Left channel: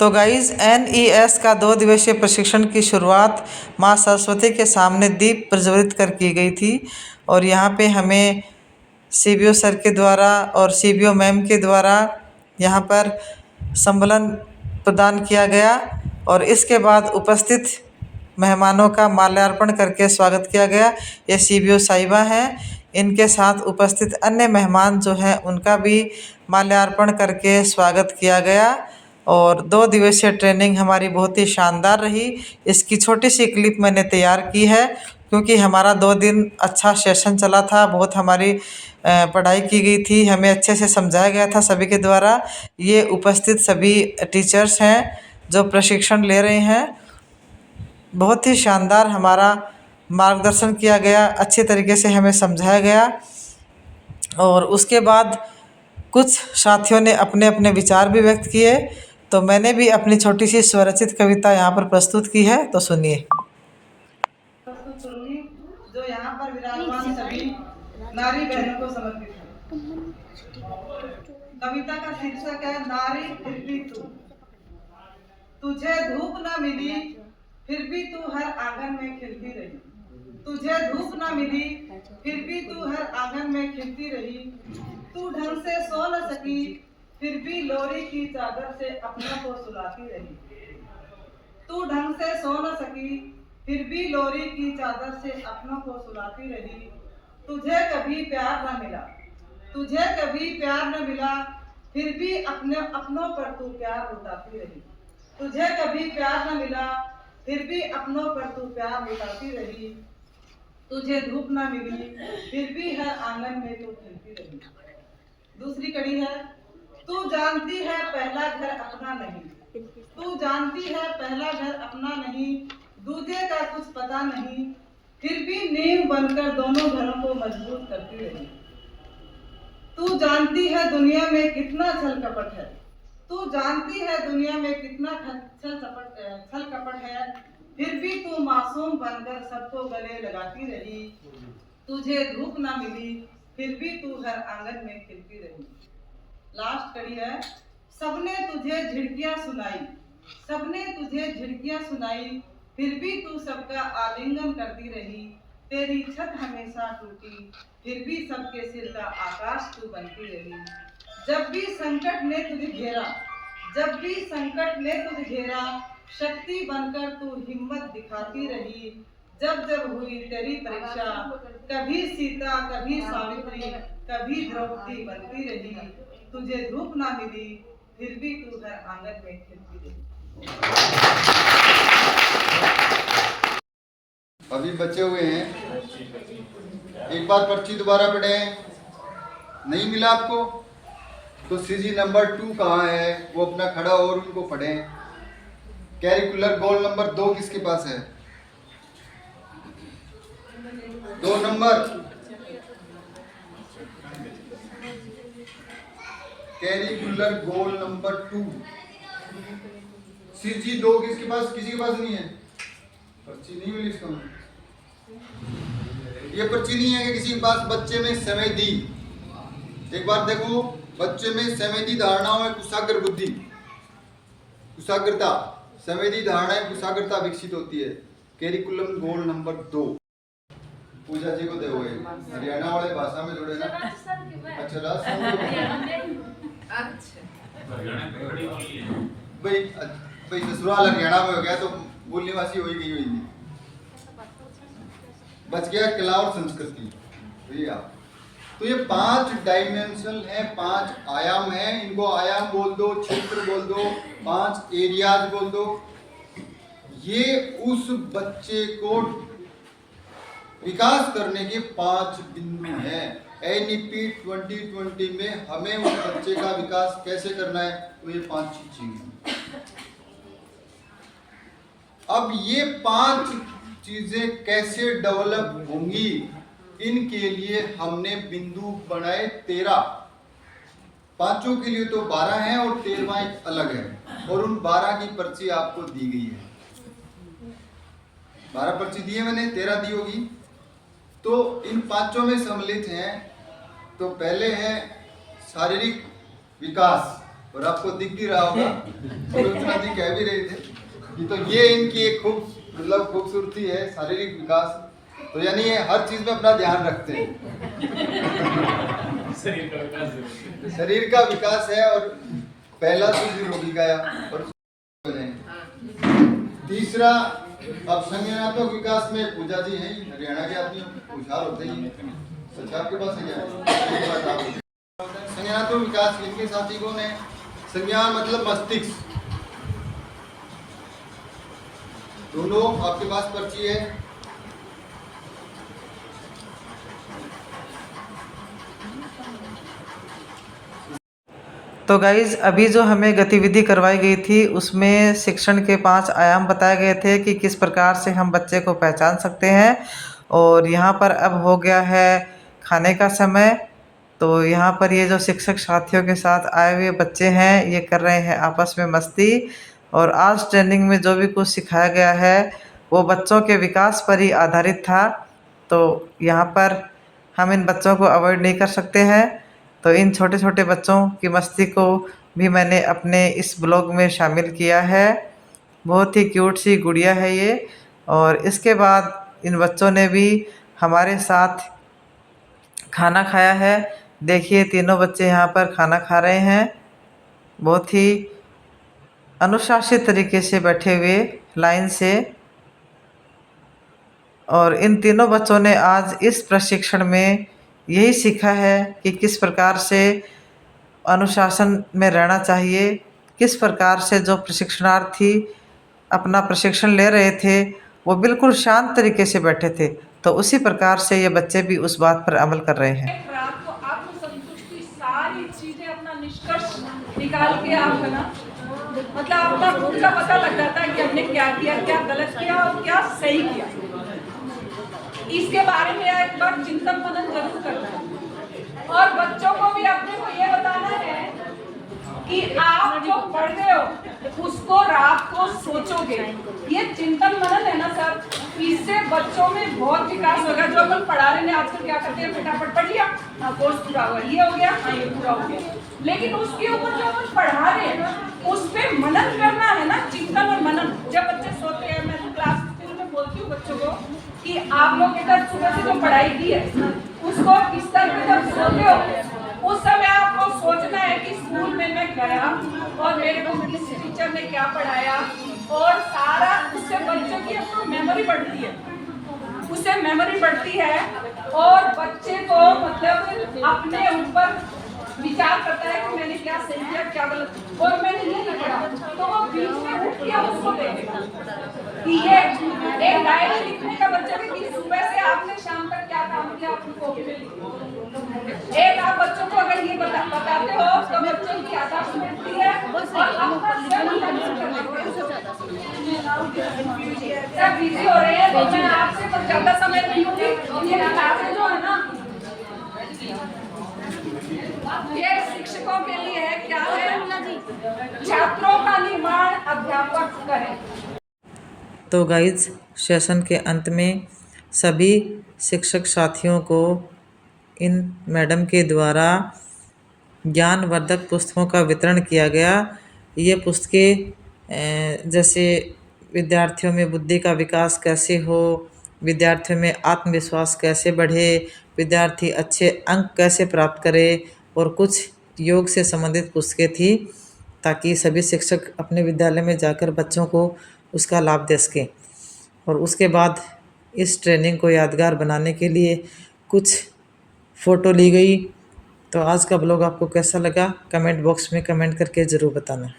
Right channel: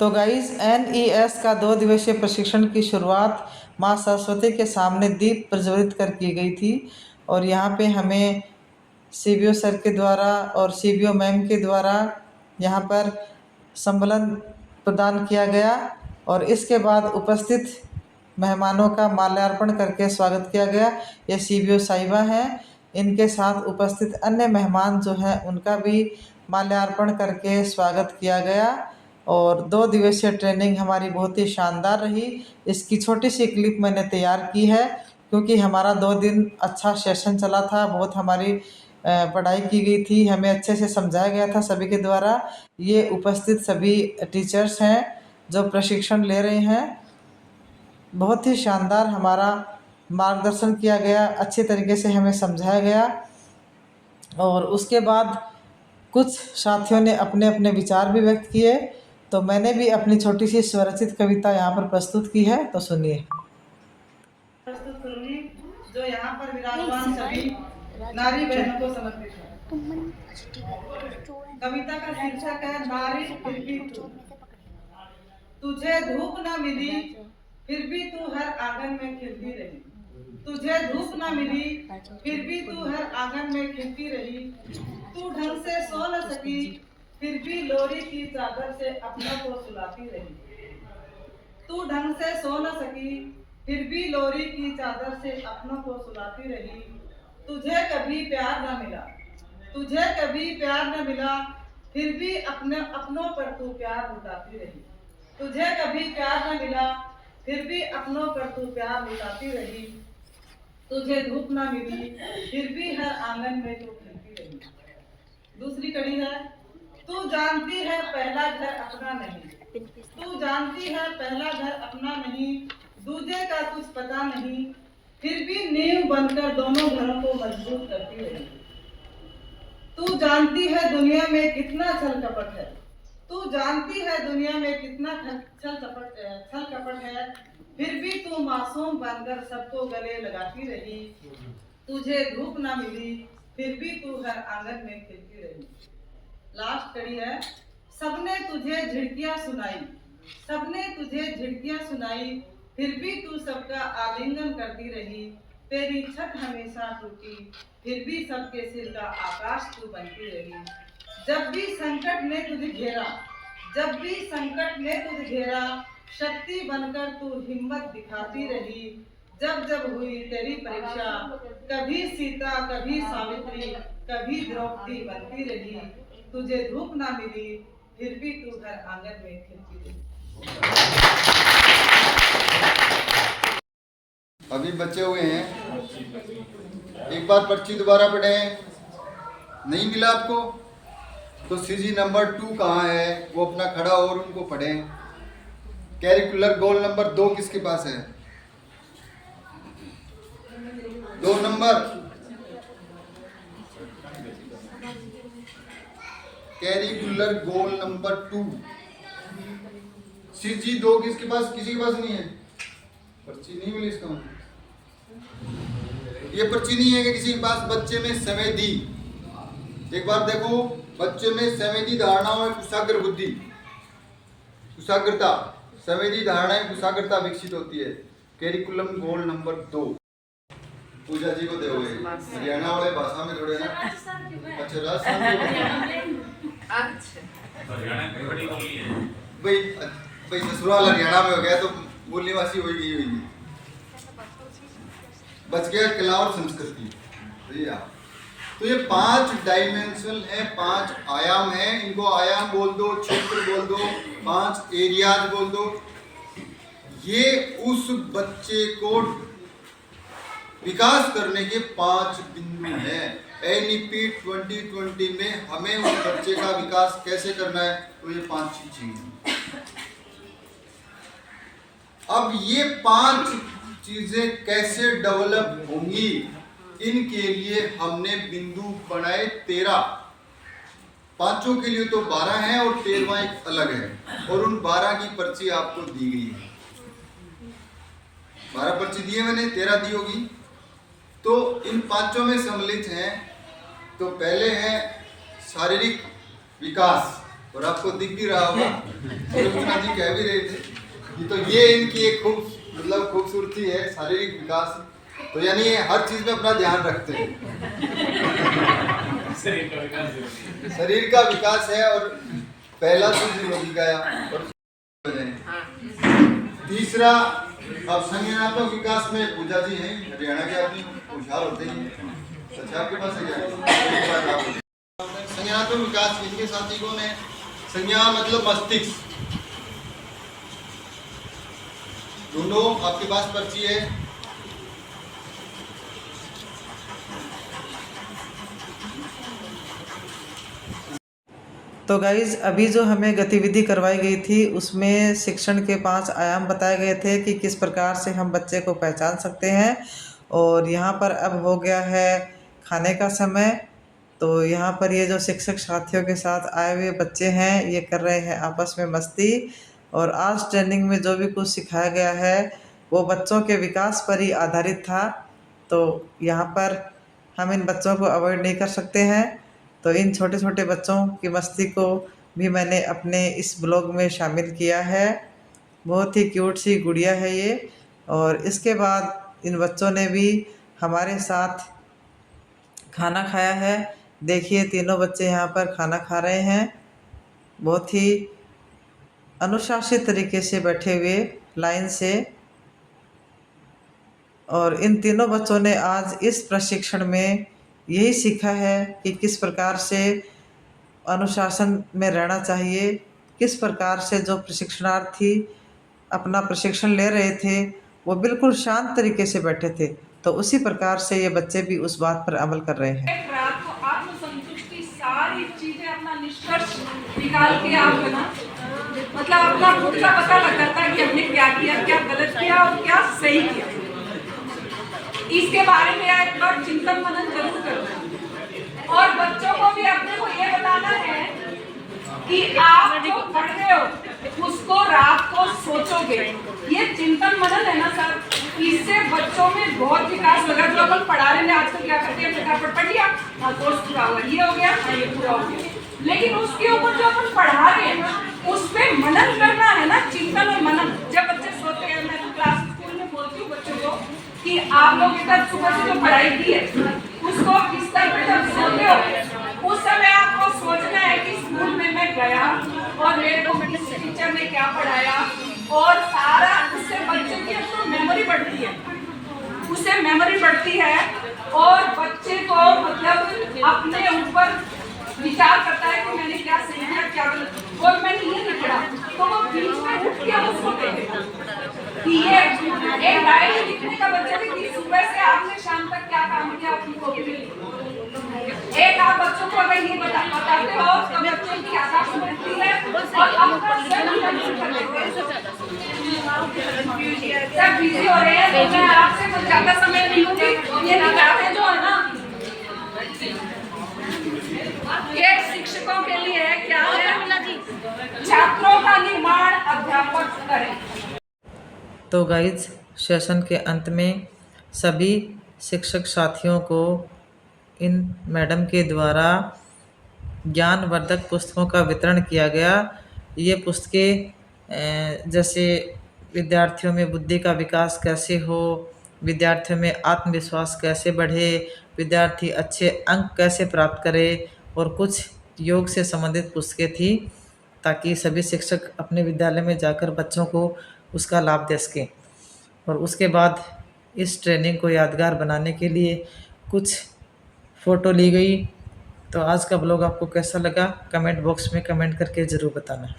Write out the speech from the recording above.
तो guys NES का 2 दिवसीय प्रशिक्षण की शुरुआत माँ सरस्वती के सामने दीप प्रज्वलित कर की गई थी और यहाँ पे हमें CBO सर के द्वारा और CBO मैम के द्वारा यहाँ पर संबलन प्रदान किया गया और इसके बाद उपस्थित मेहमानों का माल्यार्पण करके स्वागत किया गया। ये CBO साहिबा हैं, इनके साथ उपस्थित अन्य मेहमान जो हैं उनका भी माल्यार्पण करके स्वागत किया गया और 2 दिवसीय ट्रेनिंग हमारी बहुत ही शानदार रही। इसकी छोटी सी क्लिप मैंने तैयार की है क्योंकि हमारा 2 दिन अच्छा सेशन चला था, बहुत हमारी पढ़ाई की गई थी, हमें अच्छे से समझाया गया था सभी के द्वारा। ये उपस्थित सभी टीचर्स हैं जो प्रशिक्षण ले रहे हैं, बहुत ही शानदार हमारा मार्गदर्शन किया गया, अच्छे तरीके से हमें समझाया गया और उसके बाद कुछ साथियों ने अपने अपने विचार भी व्यक्त किए। तो मैंने भी अपनी छोटी सी स्वरचित कविता यहाँ पर प्रस्तुत की है, तो सुनिए। प्रस्तुत करूंगी जो यहाँ पर विराजमान सभी नारी बहनों को समर्पित है। कविता का शीर्षक है नारी फिर भी तू। तुझे धूप न मिली फिर भी तू हर आंगन में खिलती रही। तुझे धूप न मिली फिर भी तू हर आंगन में खिलती रही। तू ढंग से सो न सकी फिर भी लोरी की चादर से अपनों को सुलाती रही। तू ढंग से सो न सकी फिर भी लोरी की चादर से अपनों को सुलाती रही। तुझे कभी प्यार न मिला, तुझे कभी प्यार न मिला फिर भी अपनों पर तू प्यार लुटाती रही। तुझे कभी प्यार न मिला फिर भी अपनों पर तू प्यार लुटाती रही। तुझे धूप न मिली फिर भी हर आंगन में तू खिलती रही। दूसरी कड़ी है तू जानती है पहला घर अपना नहीं। तू जानती है पहला घर अपना नहीं, दूजे का कुछ पता नहीं, फिर भी नींव बनकर दोनों घरों को मजबूत करती रही। तू जानती है दुनिया में कितना छल कपट है। तू जानती है दुनिया में कितना छल कपट है, फिर भी तू मासूम बनकर सबको गले लगाती रही। तुझे धूप ना मिली फिर भी तू हर आंगन में खिलती रही। लास्ट कड़ी है सबने तुझे झिड़कियां सुनाई, सबने तुझे झिड़कियां सुनाई, फिर भी तू सबका आलिंगन करती रही। तेरी छत हमेशा टूटी फिर भी सबके सिर का आकाश तू बनती रही। जब भी संकट ने तुझे घेरा, जब भी संकट ने तुझे घेरा, शक्ति बनकर तू हिम्मत दिखाती रही। जब जब हुई तेरी परीक्षा, कभी सीता कभी सावित्री कभी द्रौपदी बनती रही। तुझे धूप ना मिली फिर भी तू हर आंगन में खिलती रही। अभी बचे हुए हैं, एक बार पर्ची दोबारा पढ़ें। नहीं मिला आपको तो CG नंबर 2 कहाँ है वो अपना खड़ा और उनको पढ़ें। कैरिकुलर गोल नंबर 2 किसके पास है? 2 number curricular goal number 2 CG 2 किसके पास? किसी के पास नहीं है। पर्ची नहीं मिली इसका, ये पर्ची नहीं है कि किसी के पास। बच्चे में संवेदी, एक बार देखो, बच्चे में संवेदी धारणाओं में कुशाग्र बुद्धि, कुशाग्रता, संवेदी धारणाएं कुशाग्रता विकसित होती है। कैरिकुलम गोल नंबर 2 पूजा जी को दोगे, हरियाणा वाले भाषा में थोड़े ना। अच्छा राजस्थान भाई ससुराल हरियाणा में हो गया तो बोलने वासी हो गई होगी। बच गया कला और संस्कृति। तो ये 5 डायमेंशनल है, 5 आयाम है। इनको आयाम बोल दो, क्षेत्र बोल दो, 5 एरियाज बोल दो। ये उस बच्चे को विकास करने के 5 बिंदु हैं। NEP 2020 में हमें उस बच्चे का विकास कैसे करना है, तो ये 5 चीजें हैं। अब ये 5 चीजें कैसे डेवलप होंगी, इनके लिए हमने बिंदु बनाए 13। पांचों के लिए तो 12 हैं और 13वां एक अलग है, और उन 12 की पर्ची आपको दी गई है। 12 पर्ची दी है मैंने, 13 दी होगी। तो इन 5 में सम्मिलित हैं। तो पहले है शारीरिक विकास, और आपको दिख भी रहा होगा, सुलोचना जी कह भी रहे थे कि तो ये इनकी एक खूबसूरती है, शारीरिक विकास। तो यानी ये हर चीज में अपना ध्यान रखते हैं। शरीर का विकास है और पहला तो निरोगी गया और तीसरा अब संज्ञानात्मक विकास में पूजा जी हैं, हरियाणा के आदमी होशियार होते ही सच आपके पास है क्या? संज्ञानात्मक विकास इनके साथी कौन है? संज्ञा मतलब मस्तिष्क। दोनों आपके पास पर्ची है। तो गाइज़ अभी जो हमें गतिविधि करवाई गई थी उसमें शिक्षण के 5 आयाम बताए गए थे कि किस प्रकार से हम बच्चे को पहचान सकते हैं। और यहाँ पर अब हो गया है खाने का समय। तो यहाँ पर ये जो शिक्षक साथियों के साथ आए हुए बच्चे हैं ये कर रहे हैं आपस में मस्ती। और आज ट्रेनिंग में जो भी कुछ सिखाया गया है वो बच्चों के विकास पर ही आधारित था। तो यहाँ पर हम इन बच्चों को अवॉइड नहीं कर सकते हैं। तो इन छोटे छोटे बच्चों की मस्ती को भी मैंने अपने इस ब्लॉग में शामिल किया है। बहुत ही क्यूट सी गुड़िया है ये। और इसके बाद इन बच्चों ने भी हमारे साथ खाना खाया है। देखिए तीनों बच्चे यहाँ पर खाना खा रहे हैं, बहुत ही अनुशासित तरीके से बैठे हुए लाइन से। और इन तीनों बच्चों ने आज इस प्रशिक्षण में यही सीखा है कि किस प्रकार से अनुशासन में रहना चाहिए, किस प्रकार से जो प्रशिक्षणार्थी अपना प्रशिक्षण ले रहे थे वो बिल्कुल शांत तरीके से बैठे थे। तो उसी प्रकार से ये बच्चे भी उस बात पर अमल कर रहे हैं। रात को आत्मसंतुष्टि सारी चीजें अपना निष्कर्ष निकाल के आप बना मतलब अपना खुद का पता लग जाता है कि हमने क्या किया, क्या गलत किया और क्या सही किया। इसके बारे में एक बार चिंतन मनन जरूर करना है। और बच्चों को भी अपने को ये बताना है कि आप जो पढ़ रहे हो उसको रात को सोचोगे। ये चिंतन मनन है ना सर, इससे बच्चों में बहुत विकास होगा। जो अपन पढ़ा रहे हैं आजकल क्या करते हैं, फटाफट पढ़ लिया, हाँ कोर्स पूरा हुआ, ये हो गया, हाँ ये पूरा हो गया। लेकिन उसके ऊपर जो अपन पढ़ा रहे हैं उस पर मनन करना है ना, चिंतन और मनन। जब बच्चे सोते हैं, मैं तो क्लास स्कूल में बोलती हूँ बच्चों को कि आप लोग एक सुबह से जो पढ़ाई की है उसको बिस्तर पे जब सोते हो उस समय आपको सोचना है कि स्कूल में मैं गया और मेरे को टीचर ने क्या पढ़ाया, और सारा उससे बच्चे की अपनी मेमोरी बढ़ती है, उससे मेमोरी बढ़ती है और बच्चे को मतलब अपने ऊपर विचार करता है कि मैंने क्या सही किया क्या गलत। और मैंने ये नहीं पढ़ा तो वो बीच में उठ के उसको देखेगा कि ये एक डायरी लिखने का बच्चे की सुबह से आपने शाम तक क्या काम किया अपनी कॉपी में लिखो। एक आप बच्चों को अगर ये बताते हो तो बच्चों की आदत बनती है और आपका सब बिजी हो रहे हैं। तो मैं आपसे कुछ ज्यादा समय नहीं लूंगी। ये निकालें जो है ना ये शिक्षकों के लिए है, क्या है, छात्रों का निर्माण अध्यापक करें। तो गाइज सेशन के अंत में सभी शिक्षक साथियों को इन मैडम के द्वारा ज्ञानवर्धक पुस्तकों का वितरण किया गया। ये पुस्तकें जैसे विद्यार्थियों में बुद्धि का विकास कैसे हो, विद्यार्थियों में आत्मविश्वास कैसे बढ़े, विद्यार्थी अच्छे अंक कैसे प्राप्त करे, और कुछ योग से संबंधित पुस्तकें थी ताकि सभी शिक्षक अपने विद्यालय में जाकर बच्चों को उसका लाभ दे सकें। और उसके बाद इस ट्रेनिंग को यादगार बनाने के लिए कुछ फ़ोटो ली गई। तो आज का ब्लॉग आपको कैसा लगा कमेंट बॉक्स में कमेंट करके ज़रूर बताना।